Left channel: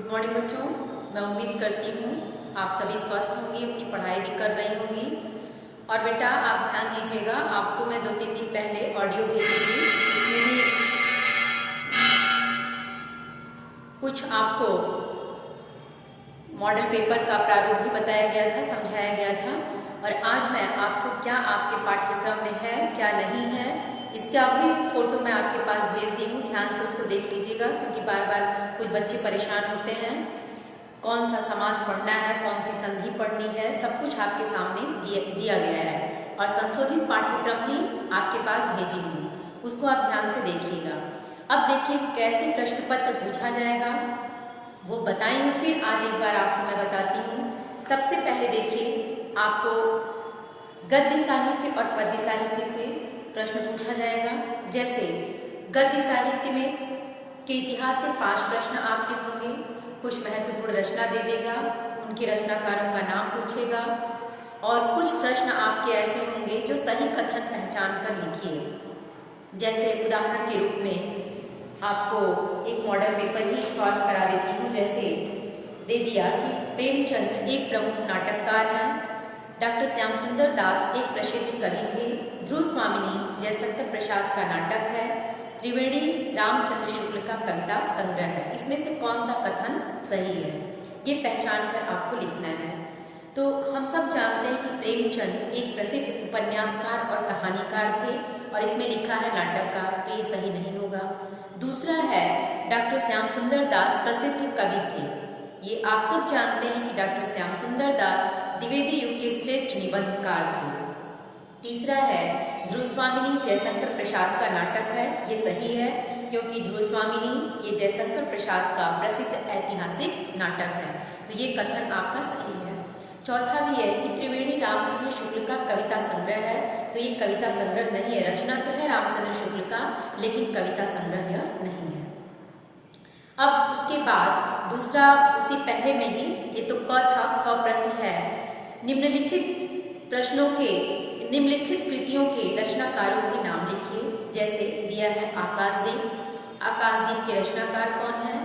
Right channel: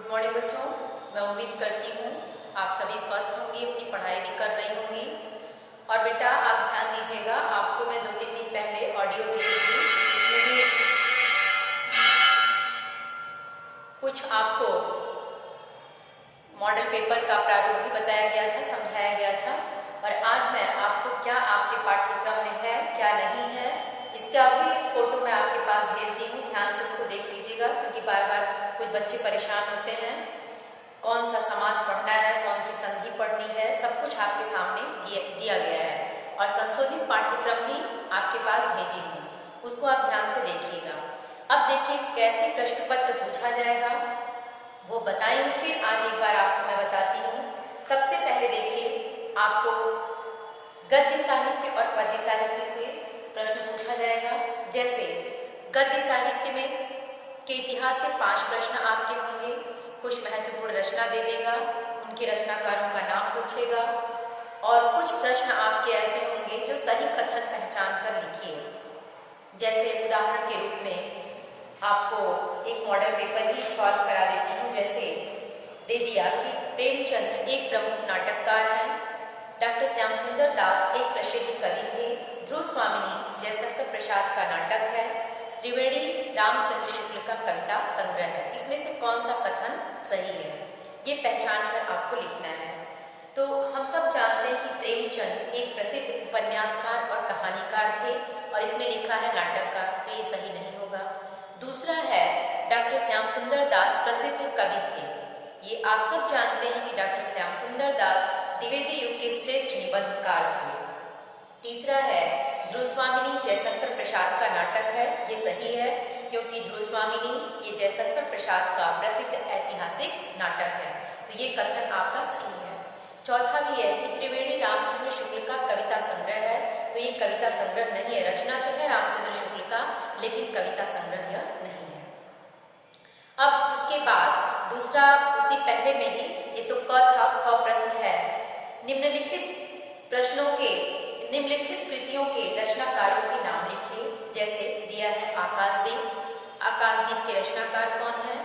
Good morning बच्चों, मैं उम्मीद करती हूँ आप सभी स्वस्थ होंगी, अपनी पढ़ाई भी कर रही होंगी। और बेटा आप ध्यान दीजिएगा, आपको मैं 2-3 दिन पहले ऑडियो भेजी थी, इसमें भी कुछ आपको मॉडल पेपर का प्रारूप भी बताया गया था, समझाया गया था। और आज मैं आपको क्या आपके पाठ्यक्रम में है क्या नहीं है इसका भी फोटो मैं आपके पास भेज दी हूँ, ध्यान से उसको देख लीजिएगा, क्योंकि बार बार कुछ बच्चे परेशान होते हैं कौन सा समास पढ़ना है, कौन सी संधि पढ़नी है, सब कुछ आपके सामने दिया गया है। और संशोधित पाठ्यक्रम भी आपके पास भेजी हूँ, उसको आप ध्यान से देखिएगा। अब देखिए कैसे प्रश्न पत्र पूछा जाएगा वो बताई हूँ, फिर आज एक बार आपको मैं बताती हूँ। सबसे पहले देखिए आपको गद्य साहित्य और पद्य साहित्य से प्रश्न पूछा जाएगा। जैसे गद्य साहित्य में के इतिहास से 5 प्रश्न आपके होंगे, कुछ महत्वपूर्ण रचना दे देगा, उनके रचनाकारों का नाम पूछेगा, और कुछ प्रश्न आपके ऐसे होंगे जो सही कथन पहचान कर लिखिए। जैसे उदाहरण के रूप में आपको एक मॉडल पेपर ही सॉल्व करा देती हूँ। जैसे दे दिया कि प्रेमचंद एक प्रमुख नाटककार हैं, डॉक्टर श्याम सुंदर दास एक प्रसिद्ध कवि थे, ध्रुव स्वामिनी जयशंकर प्रसाद का नाटक है, त्रिवेणी रामचंद्र शुक्ल का कविता संग्रह है। इसमें से कौन सा कथन सही है ये पहचान कर आपको लिखना है। तो हम सब जानते हैं कि प्रेमचंद एक प्रसिद्ध उपन्यासकार और कहानीकार थे, और इसमें लिखा है नाटककार, तो ये सही नहीं होगा। दूसरा है डॉक्टर श्याम सुंदर दास प्रसिद्ध कवि थे, ये आप सब जानते हैं कि डॉक्टर श्याम सुंदर दास द्विवेदी युग के श्रेष्ठ निबंधकार थे। तीसरा है ध्रुव स्वामिनी जयशंकर प्रसाद का नाटक है, ये सही है क्योंकि ध्रुव स्वामिनी ये जयशंकर प्रसाद का प्रसिद्ध ऐतिहासिक नाटक है, तो ये कथन आपका सही है। चौथा भी है कि त्रिवेणी रामचंद्र शुक्ल का कविता संग्रह है, तो ये कविता संग्रह नहीं है, रचना तो है रामचंद्र शुक्ल का लेकिन कविता संग्रह यह नहीं है। अब उसके बाद दूसरा उसी पहले में ही, ये तो क था, ख प्रश्न है निम्नलिखित कृतियों के रचनाकारों के नाम लिखिए। जैसे दिया है आकाशदीप, आकाशदीप के रचनाकार कौन है,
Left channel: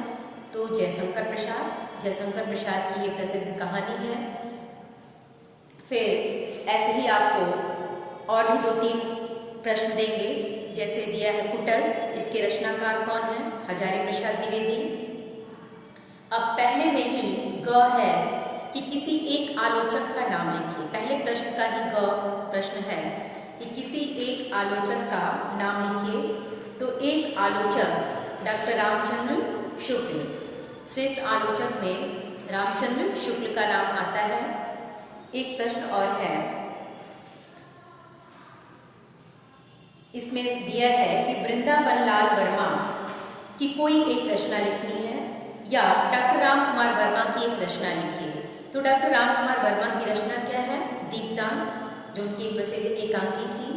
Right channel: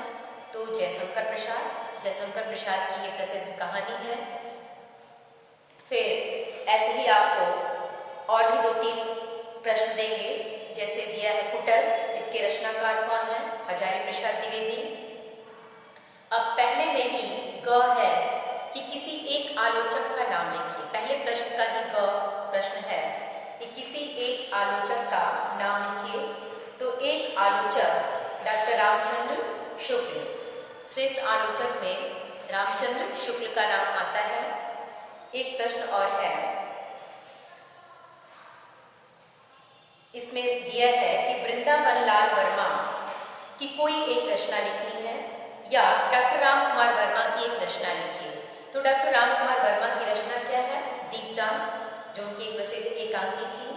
तो जयशंकर प्रसाद की ये प्रसिद्ध कहानी है। फिर ऐसे ही आपको और भी 2-3 प्रश्न देंगे। जैसे दिया है कुटल, इसके रचनाकार कौन है, हजारी प्रसाद द्विवेदी। अब पहले में ही ग है कि किसी एक आलोचक का नाम लिखिए, पहले प्रश्न का ही ग प्रश्न है कि किसी एक आलोचक का नाम लिखिए। तो एक आलोचक डॉक्टर रामचंद्र शुक्ल, श्रेष्ठ आलोचक में रामचंद्र शुक्ल का नाम आता है। एक प्रश्न और है, इसमें दिया है कि वृंदावन लाल वर्मा की कोई एक रचना लिखनी है या डॉक्टर राम कुमार वर्मा की एक रचना लिखिए। तो डॉक्टर राम कुमार वर्मा की रचना क्या है, दीपदान, जो उनकी एक प्रसिद्ध एकांकी थी।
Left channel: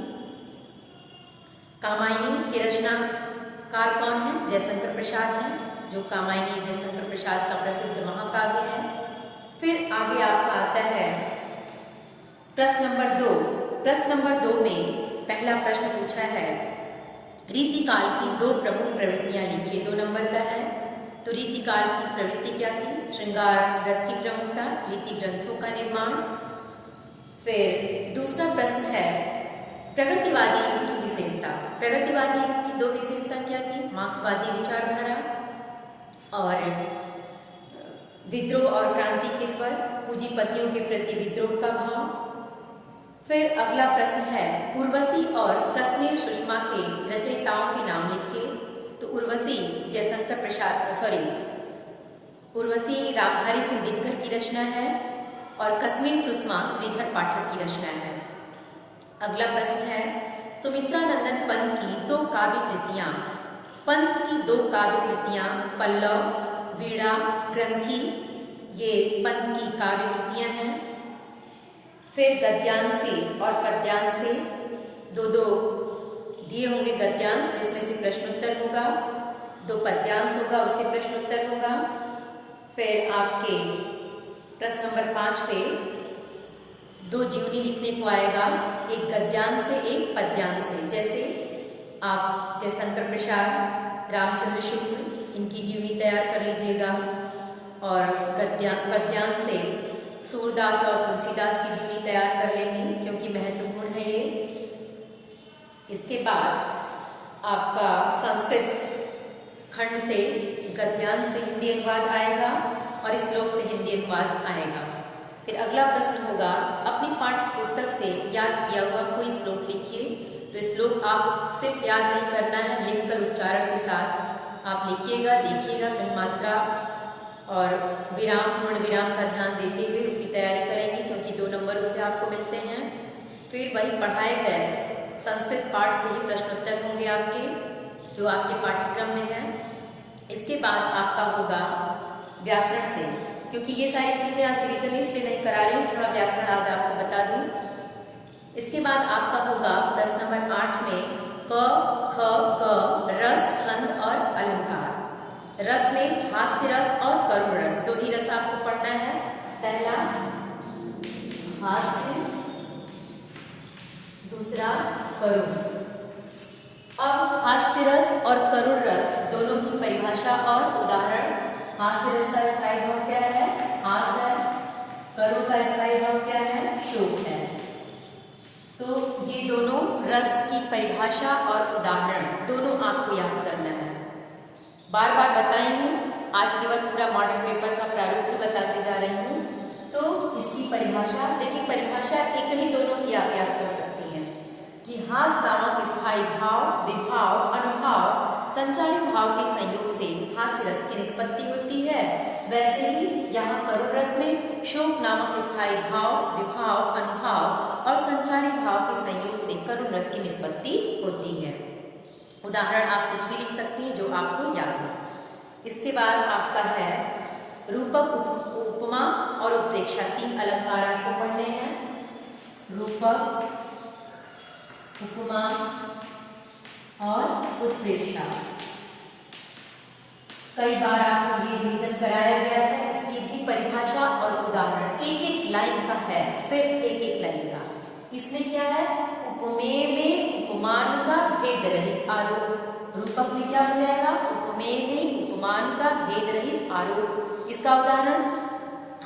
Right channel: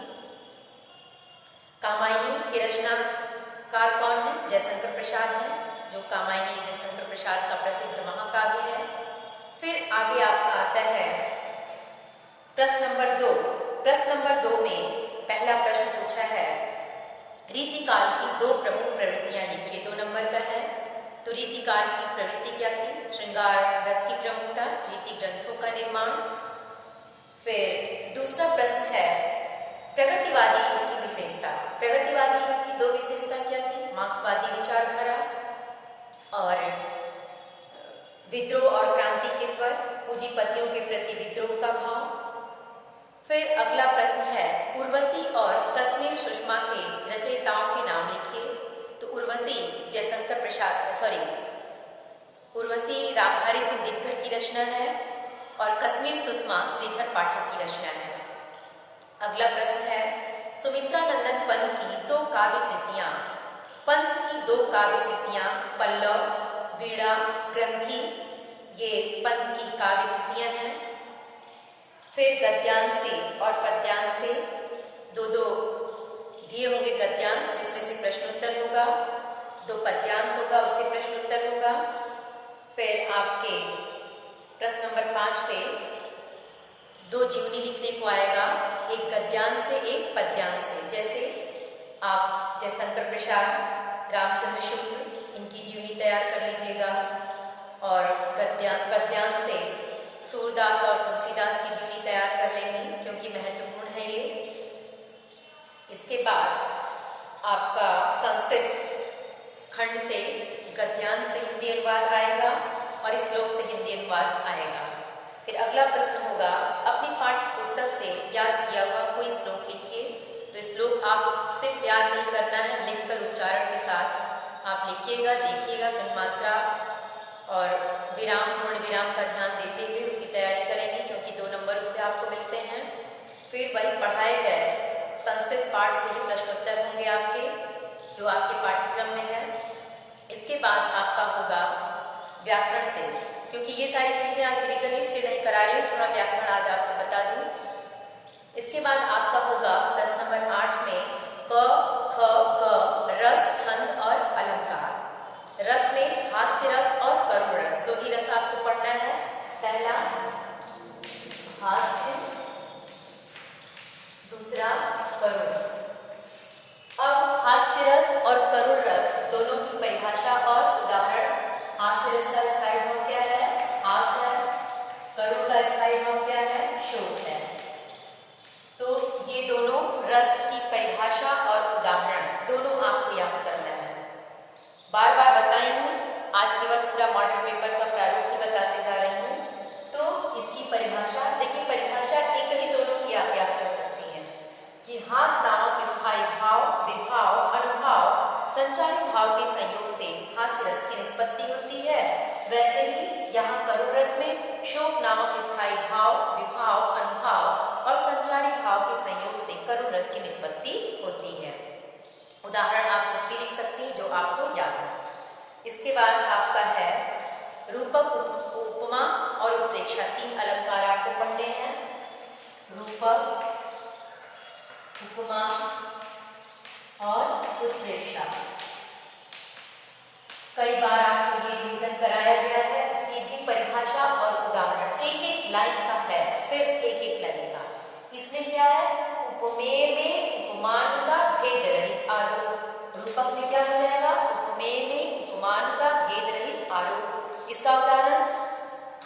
कामायनी के रचनाकार कौन है, जयशंकर प्रसाद हैं, जो कामायनी जयशंकर प्रसाद का प्रसिद्ध महाकाव्य है। फिर आगे आपका आता है प्रश्न नंबर 2। प्रश्न नंबर 2 में पहला प्रश्न पूछा है रीतिकाल की 2 प्रमुख प्रवृत्तियां लिखिए, 2 नंबर का है। तो रीतिकाल की प्रवृत्ति क्या थी, श्रृंगार रस की प्रमुखता, रीति ग्रंथों का निर्माण। फिर दूसरा प्रश्न है प्रगतिवादी युग की विशेषता, प्रगतिवादी युग की 2 विशेषता क्या थी, मार्क्सवादी विचारधारा और विद्रोह और क्रांति के स्वर, पूंजीपतियों के प्रति विद्रोह का भाव। फिर अगला प्रश्न है उर्वशी और कश्मीर सुषमा के रचयिताओं के नाम लिखिए। तो उर्वशी रामधारी सिंह दिनकर की रचना है और कश्मीर सुषमा श्रीधर पाठक की रचना है। अगला प्रश्न है सुमित्रानंदन पंत की 2 काव्य कृतियां पल्लव, वीणा, ग्रंथि, ये पंत की काव्य कृतियां हैं। फिर गद्यांश और पद्यांश से 2-2 दिए होंगे, गद्यांश जिसमें से प्रश्नोत्तर होगा, 2 पद्यांश होगा उससे प्रश्नोत्तर होगा। फिर आपके प्रश्न नंबर 5 पे 2 जीवनी लिखने को आएगा, एक गद्यांश से एक पद्यांश से। जैसे आप जयशंकर प्रसाद, रामचंद्र शुक्ल, इनकी जीवनी तैयार कर लीजिएगा। और पद्यांश से सूरदास और तुलसीदास की जीवनी तैयार कर लेंगी क्योंकि महत्वपूर्ण है ये। इसके बाद आपका संस्कृत खंड से गद्यांश से हिंदी अनुवाद आएगा और श्लोक से हिंदी अनुवाद आएगा। फिर अगला प्रश्न होगा, अपनी पाठ्य पुस्तक से याद किया हुआ कोई श्लोक लिखिए। तो श्लोक आप सिर्फ याद नहीं करना है, लिखकर उच्चारण के साथ आप लिखिएगा, देखिएगा कहीं मात्रा और विराम पूर्ण विराम का ध्यान देते हुए उसकी तैयारी करेंगे क्योंकि 2 नंबर उस पर आपको मिलते हैं। फिर वही पढ़ाए गए संस्कृत पाठ से ही प्रश्नोत्तर होंगे आपके, जो आपके पाठ्यक्रम में है। इसके बाद आपका होगा व्याकरण से, क्योंकि ये सारी चीज़ें आज रिविजन इसलिए नहीं करा रही हूँ, थोड़ा व्याकरण आज आपको बता दूँ। इसके बाद आपका होगा प्रश्न नंबर 8 में क, ख, ग, रस, छंद और अलंकार। रस में हास्य रस और करुण रस, 2 ही रस आपको पढ़ना है। पहला हास्य, दूसरा करुण। अब हास्य रस और करुण रस दोनों की परिभाषा और उदाहरण। हास्य रस का स्थायी भाव क्या है? हास्य। करुण का स्थायी भाव क्या है? शोक है। तो ये दोनों रस की परिभाषा और उदाहरण दोनों आपको याद करना है। बार बार बताई हूँ, आज केवल पूरा मॉडल पेपर का प्रारूप ही बताते जा रही हूँ। तो इसकी परिभाषा देखिए, परिभाषा एक ही दोनों की आप याद कर सकती हैं कि हास नामक स्थायी भाव, विभाव, अनुभाव, संचारी भाव के संयोग से हास्य रस की निष्पत्ति होती है। वैसे ही यहाँ करुण रस में शोक नामक स्थायी भाव, विभाव, अनुभाव और संचारी भाव के संयोग से करुण रस की निष्पत्ति होती है। उदाहरण आप कुछ भी लिख सकती हैं जो आपको याद हो। इसके बाद आपका है रूपक, उपमा और उत्प्रेक्षा। 3 अलंकार आपको पढ़ने हैं। रूपक, उपमा और उत्प्रेक्षा। कई बार आपको ये रिवीजन कराया गया है, इसकी भी परिभाषा और उदाहरण एक लाइन का है, सिर्फ एक लाइन का। इसमें क्या है? उपमेय में उपमान का भेद रहित आरोप। रूपक में क्या हो जाएगा? उपमेय में उपमान का भेद रहित आरोप। इसका उदाहरण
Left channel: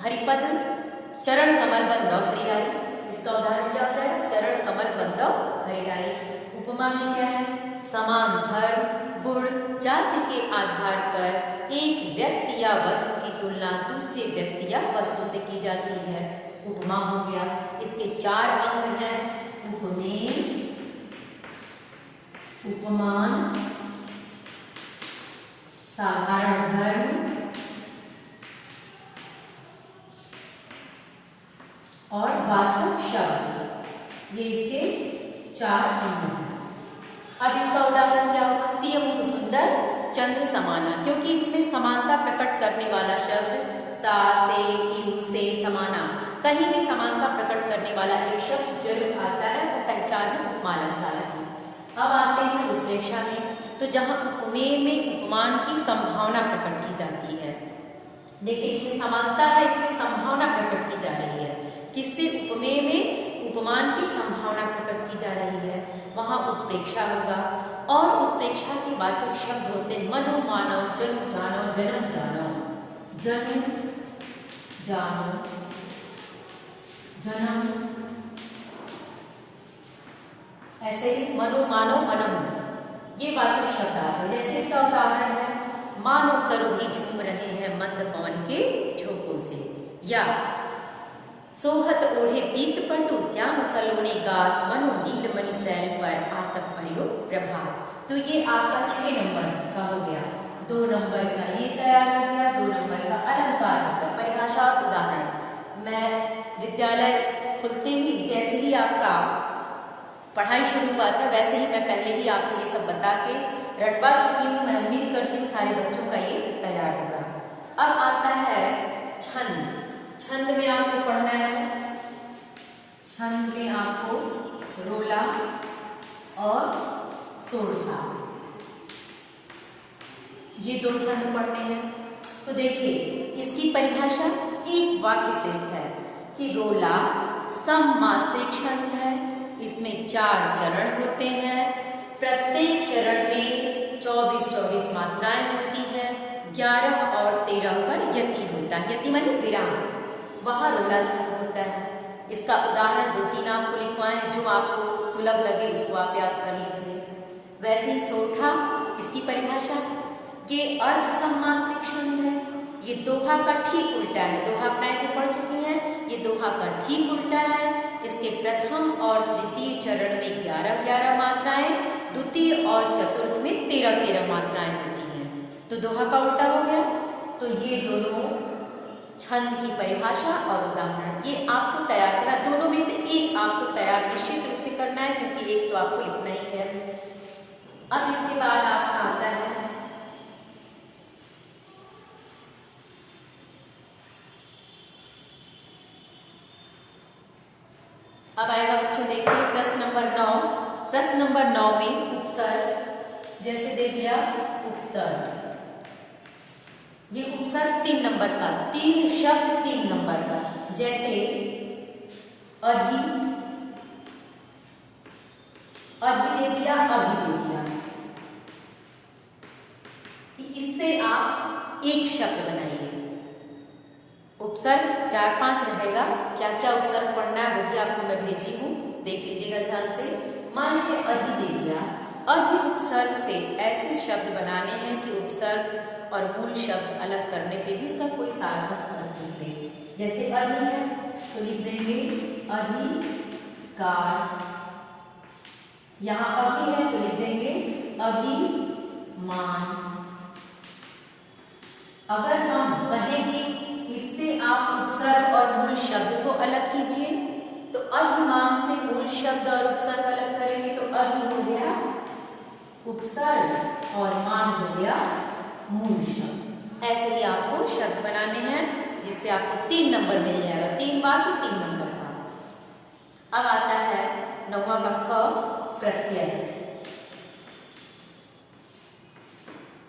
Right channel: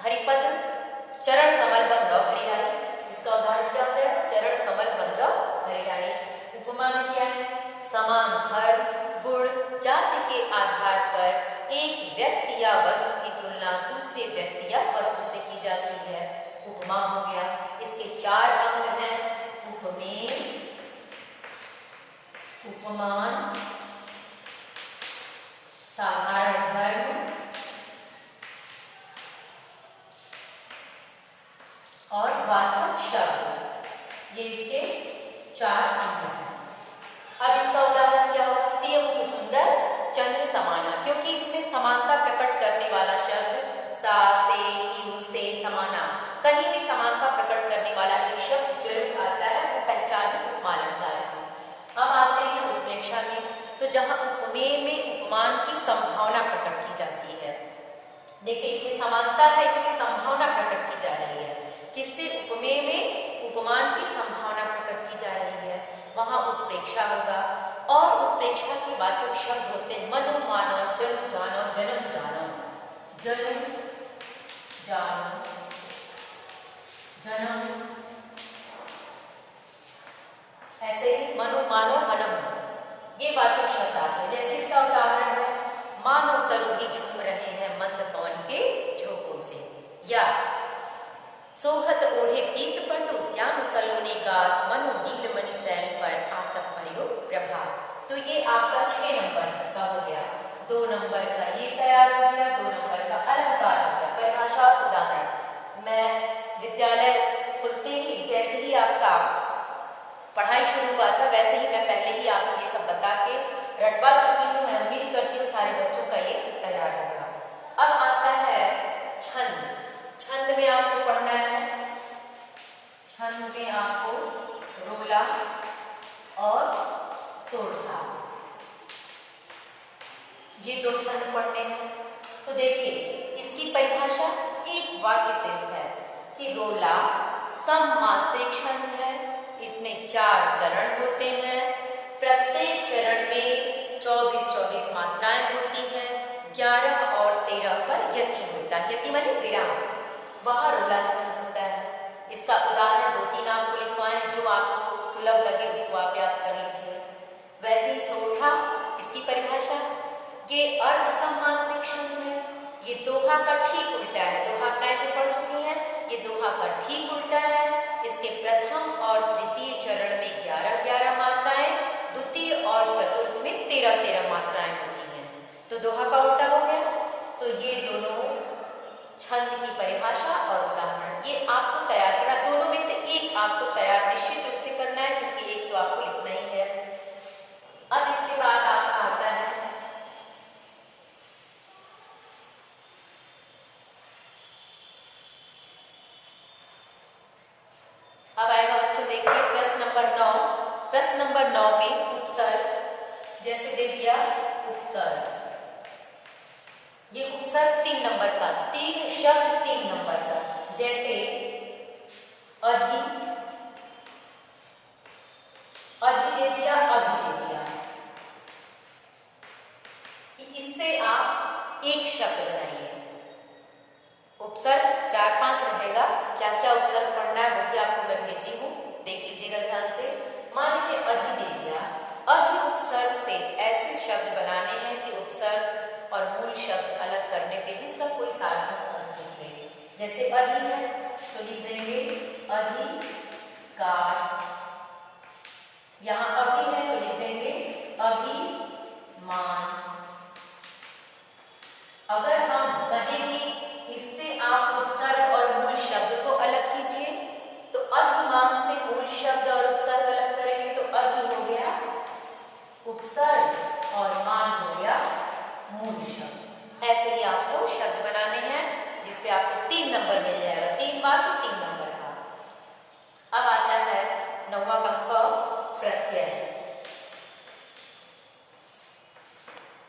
हरिपद चरण कमल बंधव हरियाई। इसका उदाहरण क्या हो जाएगा? चरण कमल बंधव हरियाई। उपमा में क्या है? समान धर्म, गुण, जाति के आधार पर एक व्यक्ति या वस्तु की तुलना दूसरे व्यक्ति या वस्तु से की जाती है। उपमा हो गया। इसके 4 अंग हैं: उपमेय, उपमान, साधारण धर्म और वाचक शब्द। ये इसके 4 अंग हैं। अब इसका उदाहरण क्या होगा? सियमुख सुंदर चंद्र समाना, क्योंकि इसमें समानता प्रकट करने वाला शब्द सा, से, इहु, से, समाना, कहीं भी समानता प्रकट करने वाला एक शब्द जरूर आता है, वो पहचान है उपमालंकार की। अब आते हैं उत्प्रेक्षा में। तो जहां उपमेय में उपमान की संभावना प्रकट की जाती है, देखिए इसमें समानता है, इसमें संभावना प्रकट की जा रही है। किससे? उपमेय में उपमान की संभावना प्रकट की जा रही है, वहां उत्प्रेक्षा होगा। और उत्प्रेक्षा के वाचक शब्द होते हैं मनो, मानो, जन्म, जानो, जन्म, जानो, जन्म, जानो, जन्म, ऐसे ही मनो, मानो, मनम, ये वाचक शब्द आते हैं। जैसे इसका उदाहरण है मानो तरु भी झूम रहे हैं मंद पवन के झोंकों से, या सोहत ओढ़े पीत पटु श्याम सलोने गात मनो नील मणि शैल पर आतप पर्यो प्रभात। तो ये आपका 6 नंबर का हो गया। 2 नंबर का ये तैयार हो गया, 2 नंबर का अलंकार हो गया, परिभाषा और उदाहरण। मैं विद्यालय खुलते ही जैसे ही आपका पढ़ाई शुरू हुआ था, वैसे ही मैं पहले ही आपको ये सब बता के रटवा चुकी हूँ। मैं उम्मीद करती हूँ सारे बच्चों का ये तैयार होगा। अब आता है छंद। छंद में आपको पढ़ना है, छंद में आपको रोला और सोरठा, ये 2 छंद पढ़ने हैं। तो देखिए इसकी परिभाषा एक वाक्य से है कि रोला सममात्रिक छंद है, इसमें 4 चरण होते हैं, प्रत्येक चरण में 24-24 मात्राएं होती हैं, 11 और 13 पर यति होता है। यति माने विराम, वहां रोला छंद होता है। इसका उदाहरण 2-3 आपको लिखवाएं, जो आपको सुलभ लगे उसको आप याद कर लीजिए। वैसे ही सोठा, इसकी परिभाषा, ये अर्ध समांतरिक छंद है। ये दोहा का ठीक उल्टा है। दोहा अपनाए थे पढ़ चुकी हैं, ये दोहा का ठीक उल्टा है। इसके प्रथम और तृतीय चरण में 11-11 मात्राएं, द्वितीय और चतुर्थ में 13-13 मात्राएं होती हैं। तो दोहा का उल्टा हो गया। तो ये दोनों छंद की परिभाषा और उदाहरण ये आपको तैयार करा। दोनों में से एक आपको तैयार निश्चित रूप से करना है, क्योंकि एक तो आपको लिखना ही है। अब इसके बाद आपका आता है अब आएगा बच्चों देखिए प्रश्न नंबर 9। प्रश्न नंबर 9 में उपसर्ग, जैसे दे दिया उपसर्ग, ये उपसर्ग 3 नंबर का, 3 शब्द 3 नंबर का, जैसे अधि, अधि दे दिया, अभि दे दिया, कि इससे आप एक शब्द बनाइए। उपसर्ग 4-5 रहेगा। क्या क्या उपसर्ग पढ़ना है वो भी आपको मैं भेजी हूं, देख लीजिएगा ध्यान से। मान लीजिए अधि दे दिया, अधि उपसर्ग से ऐसे शब्द बनाने हैं कि उपसर्ग और मूल शब्द अलग करने पे भी इसका कोई सार्थक अर्थ निकले। जैसे अधि है तो लिख देंगे अधिकार, यहां अभि है तो लिख देंगे अभिमान। अगर हम कहें कि इससे आप उपसर्ग और मूल शब्द को अलग कीजिए, तो अभिमान से मूल शब्द और उपसर्ग अलग करेंगे तो अभि हो गया उपसर्ग और मान हो गया मूल शब्द। ऐसे ही आपको शब्द बनाने हैं, जिससे आपको 3 नंबर मिल जाएगा। 3 बार तो 3 नंबर का। अब आता है 9वां का ख, प्रत्यय।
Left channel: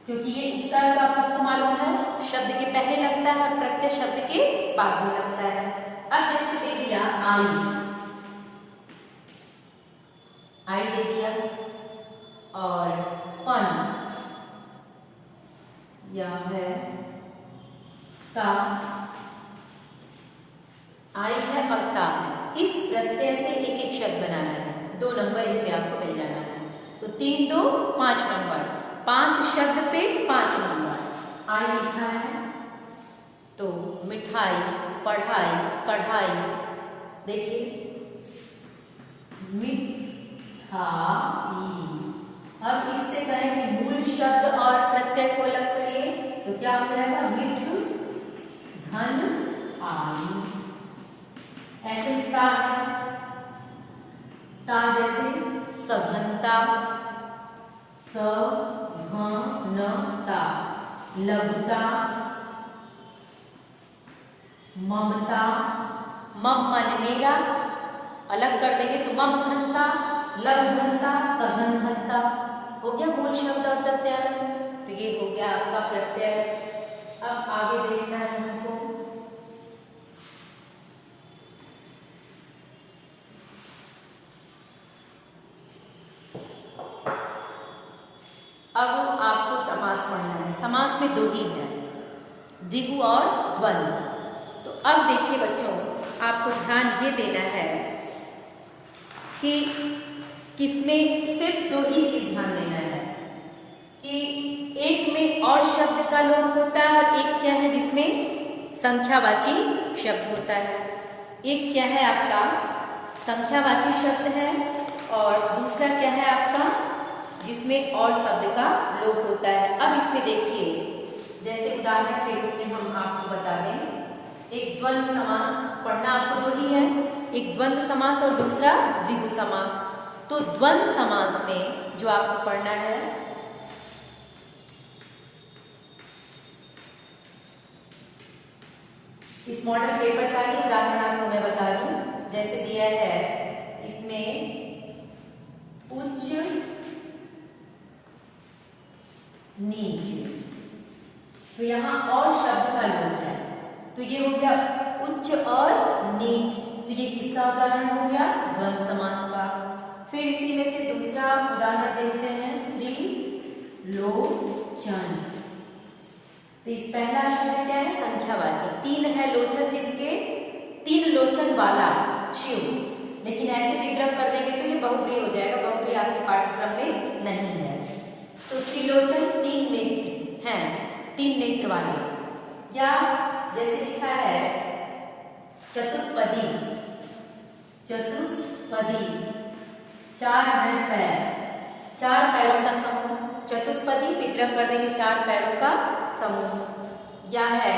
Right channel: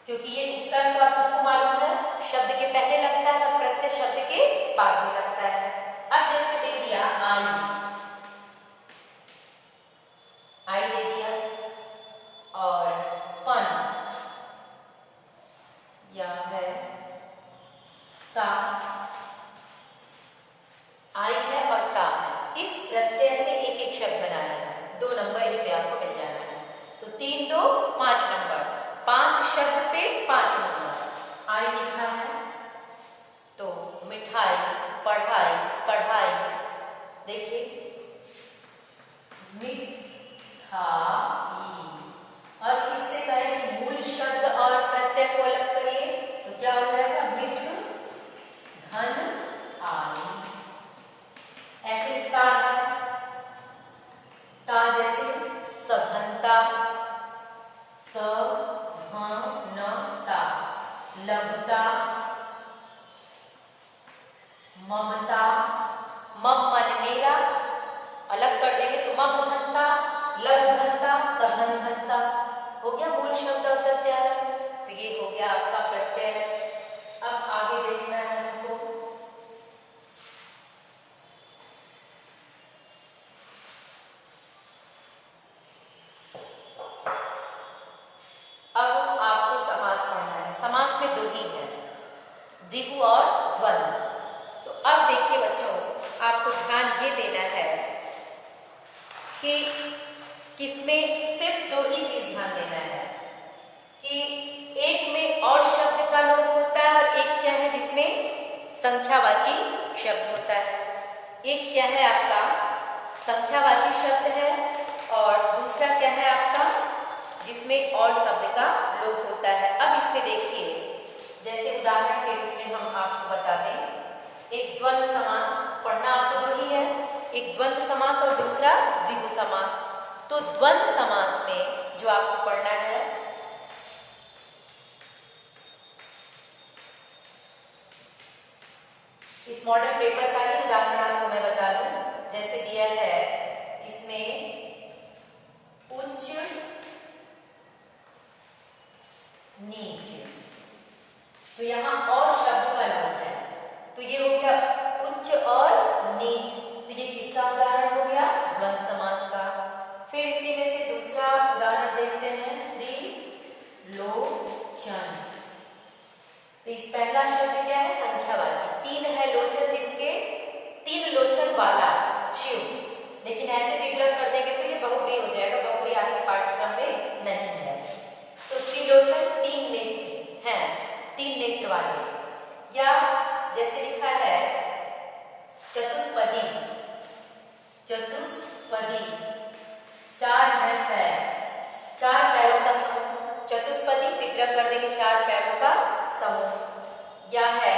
क्योंकि ये उपसर्ग आप सबको मालूम है, शब्द के पहले लगता है, प्रत्यय शब्द के बाद में लगता है। अब जैसे दे दिया आई, आई दे दिया, और पन, यह है ता, आई है और ता है। इस प्रत्यय से एक एक शब्द बनाना है। 2 नंबर इस पे आपको मिल जाना है। तो 3, 2, 5 नंबर, 5 शब्द पे 5 नंबर। आई लिखा है तो मिठाई, पढ़ाई, कढ़ाई, देखिए मिठाई। अब इससे करेंगे मूल शब्द और प्रत्यय को अलग करिए, तो क्या हो जाएगा मिठ धन आई। ऐसे ता है, ता जैसे सघनता, सघनता, लघुता, ममता, मम मन मेरा, अलग कर देंगे तो मम घनता, लघु घनता, सघन घनता, हो गया मूल शब्द और प्रत्यय अलग। तो ये हो गया आपका प्रत्यय। अब आगे देखना है हमको, अब आपको समास पढ़ना है। समास में 2 ही है, द्विगु और द्वंद्व। तो अब देखिए बच्चों, आपको ध्यान ये देना है कि किसमें सिर्फ 2 ही चीज ध्यान देना है, कि एक में और शब्द का लोप होता है और एक क्या है जिसमें संख्यावाची शब्द होता है। एक क्या है आपका संख्यावाची शब्द है, और दूसरा क्या है आपका जिसमें और शब्द का लोप होता है। अब इसमें देखिए, जैसे उदाहरण के रूप में हम आपको बता दें, एक द्वंद्व समास पढ़ना आपको 2 ही है, एक द्वंद्व समास और दूसरा द्विगु समास। तो द्वंद्व समास में जो आपको पढ़ना है, इस मॉडल पेपर का ही उदाहरण आपको मैं बता दूं। जैसे दिया है इसमें उच्च नीच, तो यहाँ और शब्द का लोप है, तो ये हो गया उच्च और नीच। तो ये किसका उदाहरण हो गया? द्वंद्व समास का। फिर इसी में से दूसरा उदाहरण देखते हैं, त्रिलोचन। तो इस पहला शब्द क्या है? संख्यावाची। तीन है लोचन जिसके, तीन लोचन वाला शिव। लेकिन ऐसे विग्रह कर देंगे तो ये बहुव्रीहि हो जाएगा, बहुव्रीहि आपके पाठ्यक्रम में नहीं है। तो त्रिलोचन तीन नेत्र हैं, तीन नेत्र वाले। या जैसे लिखा है चतुष्पदी, चतुष्पदी चार है पैर, चार पैरों का समूह। चतुष्पदी विग्रह कर देंगे चार पैरों का समूह। या है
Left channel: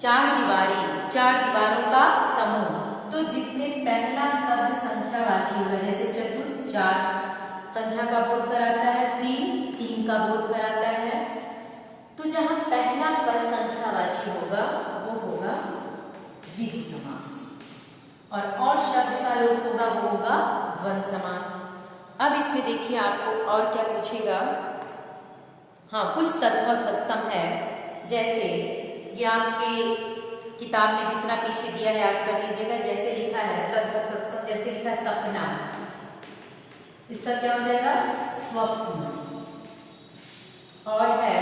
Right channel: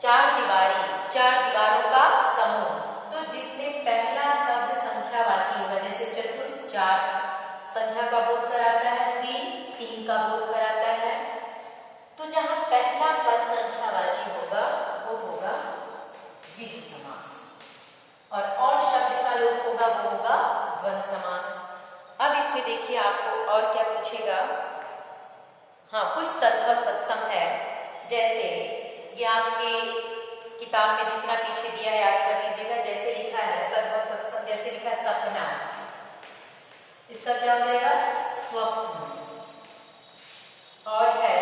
चार दीवारी, चार दीवारों का समूह। तो जिसमें पहला शब्द संख्यावाची होगा, जैसे चतुष चार संख्या का बोध कराता है, तीन का बोध कराता है। तो जहां पहला पद संख्यावाची होगा वो होगा द्विगु समास, और शब्द का लोप होगा वो होगा द्वंद्व समास। अब इसमें देखिए आपको और क्या पूछेगा। हाँ, कुछ तद्भव तत्सम है, जैसे ये आपके किताब में जितना पीछे दिया है याद कर लीजिएगा। जैसे लिखा है तद्भव तत्सम, जैसे लिखा है सपना, इसका क्या हो जाएगा? स्वप्न। और है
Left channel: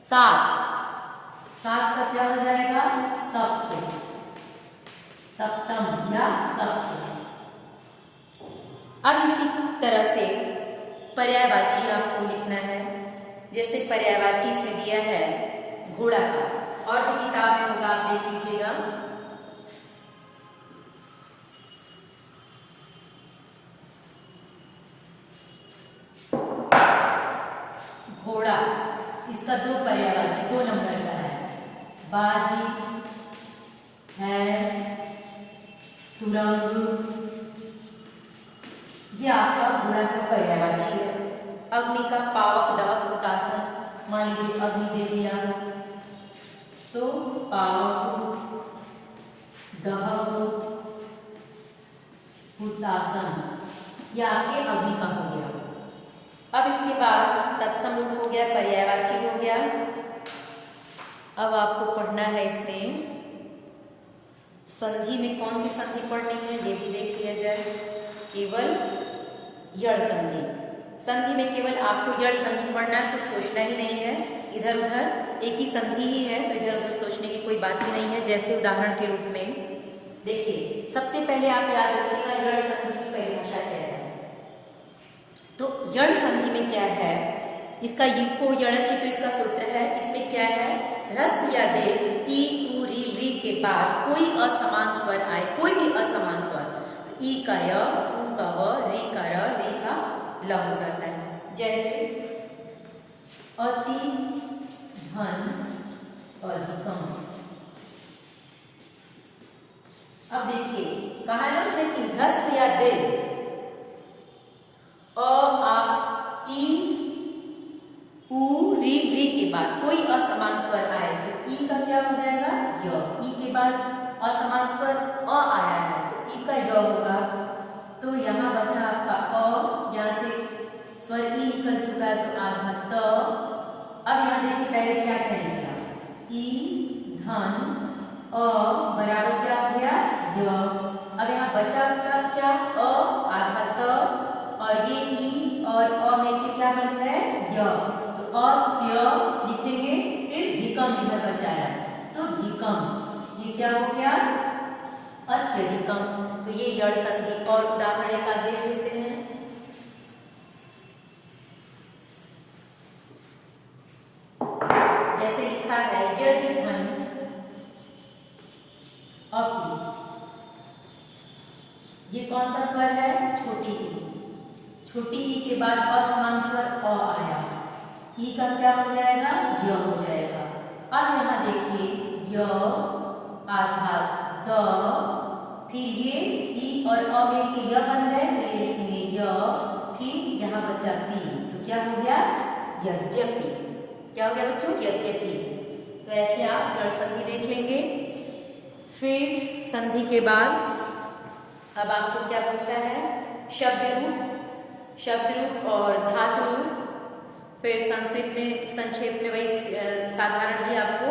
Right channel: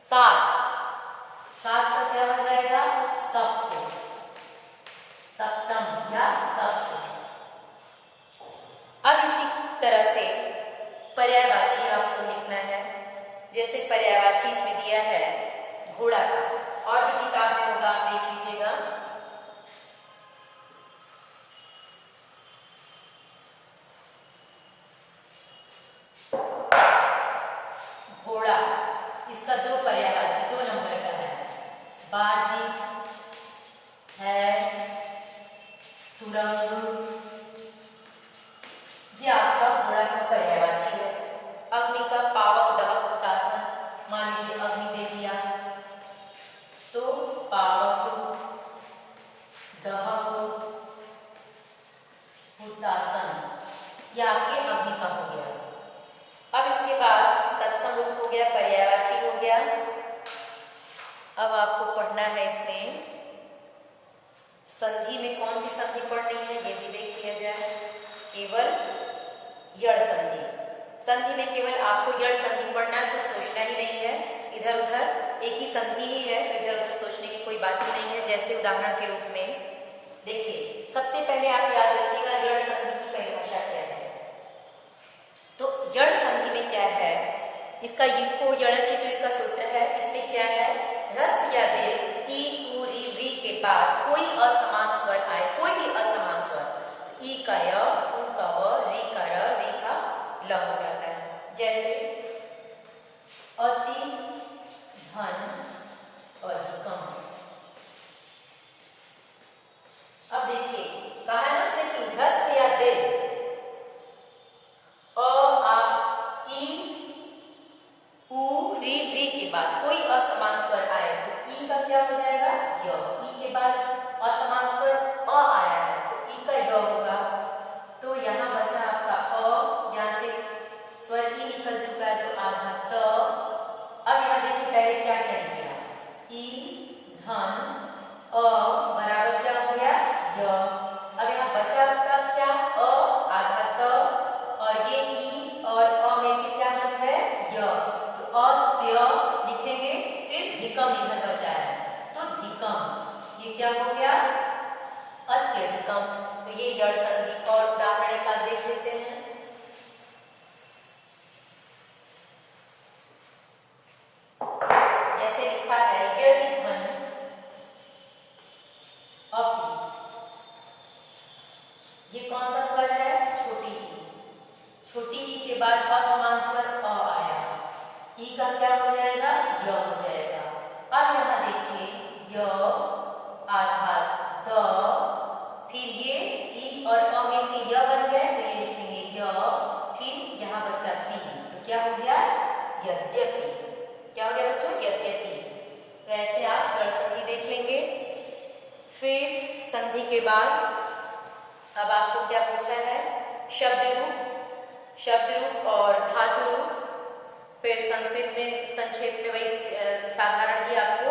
सात, सात का क्या हो जाएगा? सप्त, सप्तम या सप्त। अब इसी तरह से पर्यायवाची आपको लिखना है। जैसे पर्यायवाची इसमें दिया है घोड़ा का, और भी किताब में होगा, आप देख लीजिएगा। घोड़ा, इसका दो पर्यायवाची, 2 नंबर का है। बाजी है, तुरंग, ये आपका घोड़ा का पर्यायवाची है। अग्नि का पावक, दहक, हुतासन। मान लीजिए अग्नि दे दिया तो पावक, दहक, हुतासन, ये आपके अग्नि का हो गया। अब इसके बाद तत्सम रूप हो गया, पर्यायवाची हो गया। अब आपको पढ़ना है इसमें संधि में कौन सी संधि पढ़नी है ये भी देख लिया जाए। केवल यड़ संधि, संधि में केवल आपको यड़ संधि पढ़ना है, कुछ सोचना ही नहीं है। इधर उधर एक ही संधि ही है, तो इधर उधर सोचने की कोई बात ही नहीं है। जैसे उदाहरण के रूप में देखिए, सबसे पहले आप याद रखिएगा यड़ संधि की परिभाषा क्या है। तो यड़ संधि में क्या है, इसका युको यणचि, तो इसका सूत्र है। इसमें क्या है, रस्व या दीर्घ ई, उ, री, व्री के बाद कोई असमान स्वर आए, कोई भी असमान स्वर, ई का य, उ का व, री का र, री का ल हो जाता है। जैसे अति, धन, अधिकम। अब देखिए कहा है ना उसमें कि ह्रस्व या दीर्घ, अ, आ, ई, उ, री, व्री के बाद कोई असमान स्वर आए तो ई का क्या हो जाएगा? य। ई के बाद असमान स्वर अ आया है तो ई का य होगा। तो यहाँ बचा आपका अ, यहाँ से स्वर ई निकल चुका है तो आधा त। अब यहाँ देखिए पहले क्या कह दिया, ई, धन, अ बराबर क्या हो गया? य। अब यहाँ बचा आपका क्या? अ, आधा त, और ये ई और अ मिलके क्या बन गए? य। तो अत्य लिखेंगे, फिर धिकम इधर बचा है तो धिकम, ये क्या हो गया? अत्यधिकम। तो ये यड़ संधि। और उदाहरण एक आध देख लेते हैं। जैसे लिखा है यदि धन अपि, ये कौन सा स्वर है? छोटी ई। छोटी ई के बाद असमान स्वर अ आया, ई का क्या हो जाएगा? य हो जाएगा। अब यहाँ देखिए य, आधा द, फिर ये ई और अ मिलके य बन गए तो ये लिखेंगे य, फिर यहाँ बचा पी तो क्या हो गया? यद्यपि। क्या हो गया बच्चों? यद्यपि। तो ऐसे आप यड़ संधि देख लेंगे। फिर संधि के बाद अब आपको क्या पूछा है? शब्द रूप, शब्द रूप और धातु रूप। फिर संस्कृत में संक्षेप में वही साधारण ही आपको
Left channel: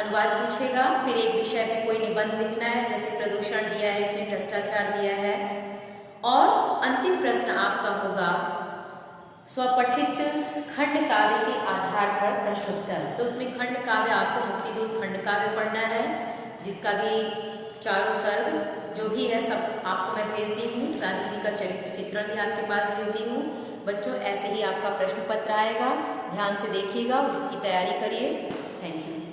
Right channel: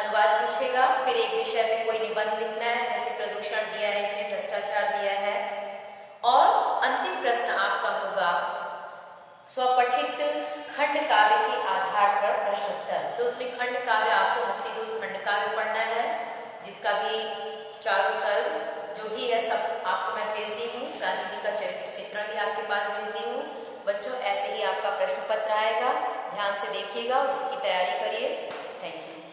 अनुवाद पूछेगा। फिर एक विषय पे कोई निबंध लिखना है, जैसे प्रदूषण दिया है, इसमें भ्रष्टाचार दिया है। और अंतिम प्रश्न आपका होगा स्वपठित खंड काव्य के आधार पर प्रश्नोत्तर। तो उसमें खंड काव्य आपको मुक्तिदूत खंड काव्य पढ़ना है, जिसका भी चारों सर्ग जो भी है सब आपको मैं भेज दी हूँ। गांधी जी का चरित्र चित्रण भी आपके पास भेज दी हूँ। बच्चों ऐसे ही आपका प्रश्न पत्र आएगा, ध्यान से देखिएगा, उसकी तैयारी करिए। Thank you.